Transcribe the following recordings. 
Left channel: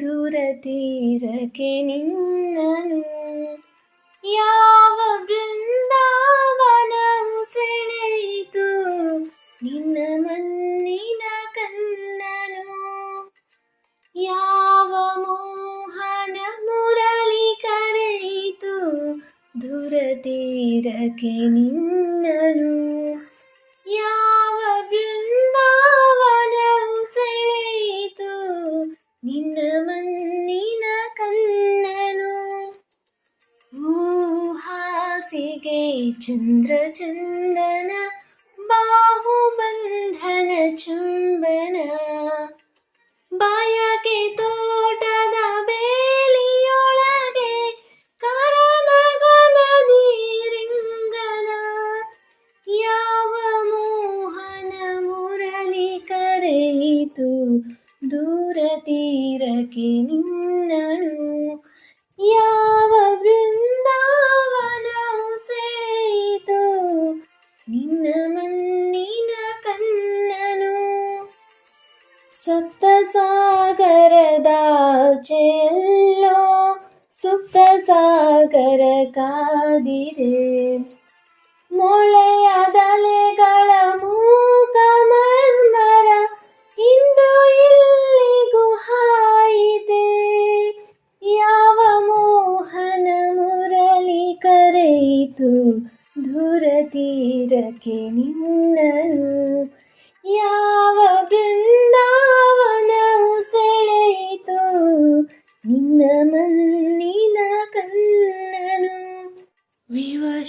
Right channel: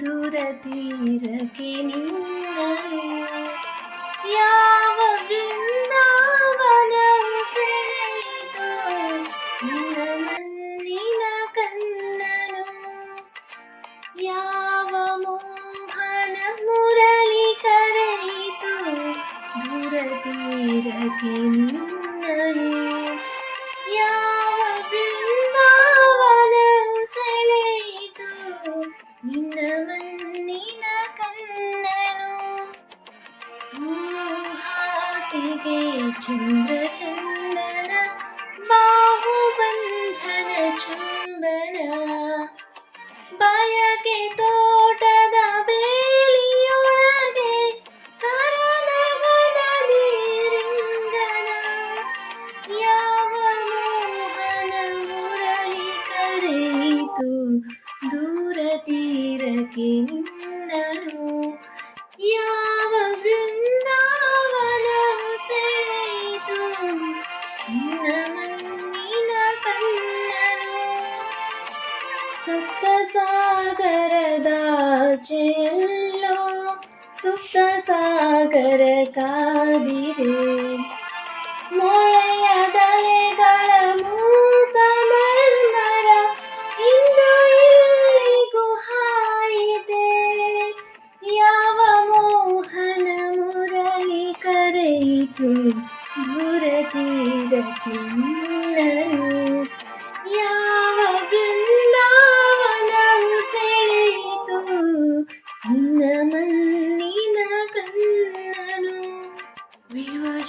ದೂರ ತೀರಕ್ಕೆ ನಿನ್ನನು ಯಾವ ಬೃಂದಾವನವು ಸೆಳೆಯಿತು. ನಿನ್ನ ಮಣ್ಣಿನ ಕಣ್ಣನು ಯಾವ ಮೋಹನ ಮುರಳಿ ಕರೆಯಿತು. ದೂರ ತೀರಕ್ಕೆ ನಿನ್ನನು ಹಾಸಿಗೆ ಚಂದ್ರ ಚಂದನ ಬಾಹುಬಂಧನ ಚುಂಬನ. ಬಯಕೆ ತೋಟದ ಬೇಲಿಯೊಳಗೆ ಕರನಗನದಿರಿಂಗನ ಯಾವ ಮೋಹನ ಮುರಳಿ ಕರೆಯಿತು ದೂರ ತೀರಕ್ಕೆ ನಿನ್ನಳು ಸುಪ್ತ ಸಾಗರದಾಚೆಯಲ್ಲೋ ಸುಪ್ತ ಸಾಗರ ಕಾದಿದೆ ಮೊಳೆಯದಲೆಗಳ ಮೂಕ ಮರ್ಮರ ಇಂದು ಇಲ್ಲಿಗೂ ಹಾಯಿದೆ ಯಾವ ಮೋಹನ ಮುರಳಿ ಕರೆಯಿತು ದೂರ ತೀರಕ್ಕೆ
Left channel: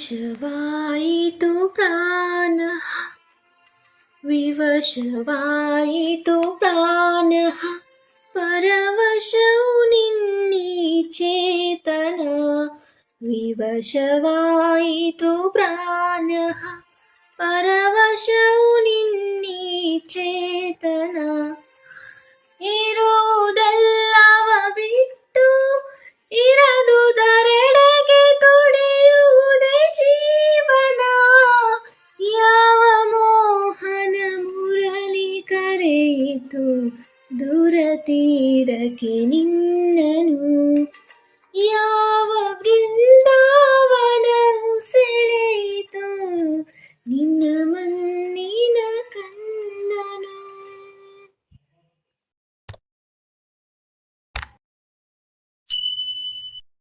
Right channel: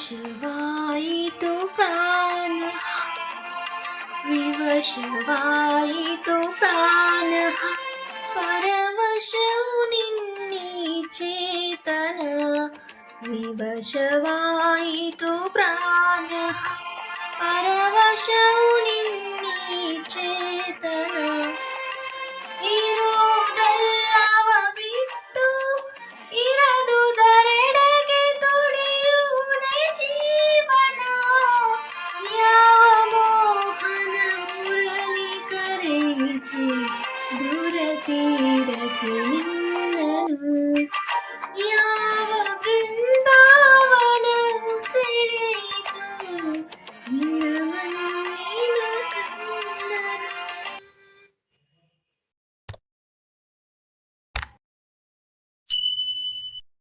विवशवायितु प्राणः विवशवायितु प्राणः परवशौ निन्नी चेतना विवशवायितु प्राणः परवशौ निन्नी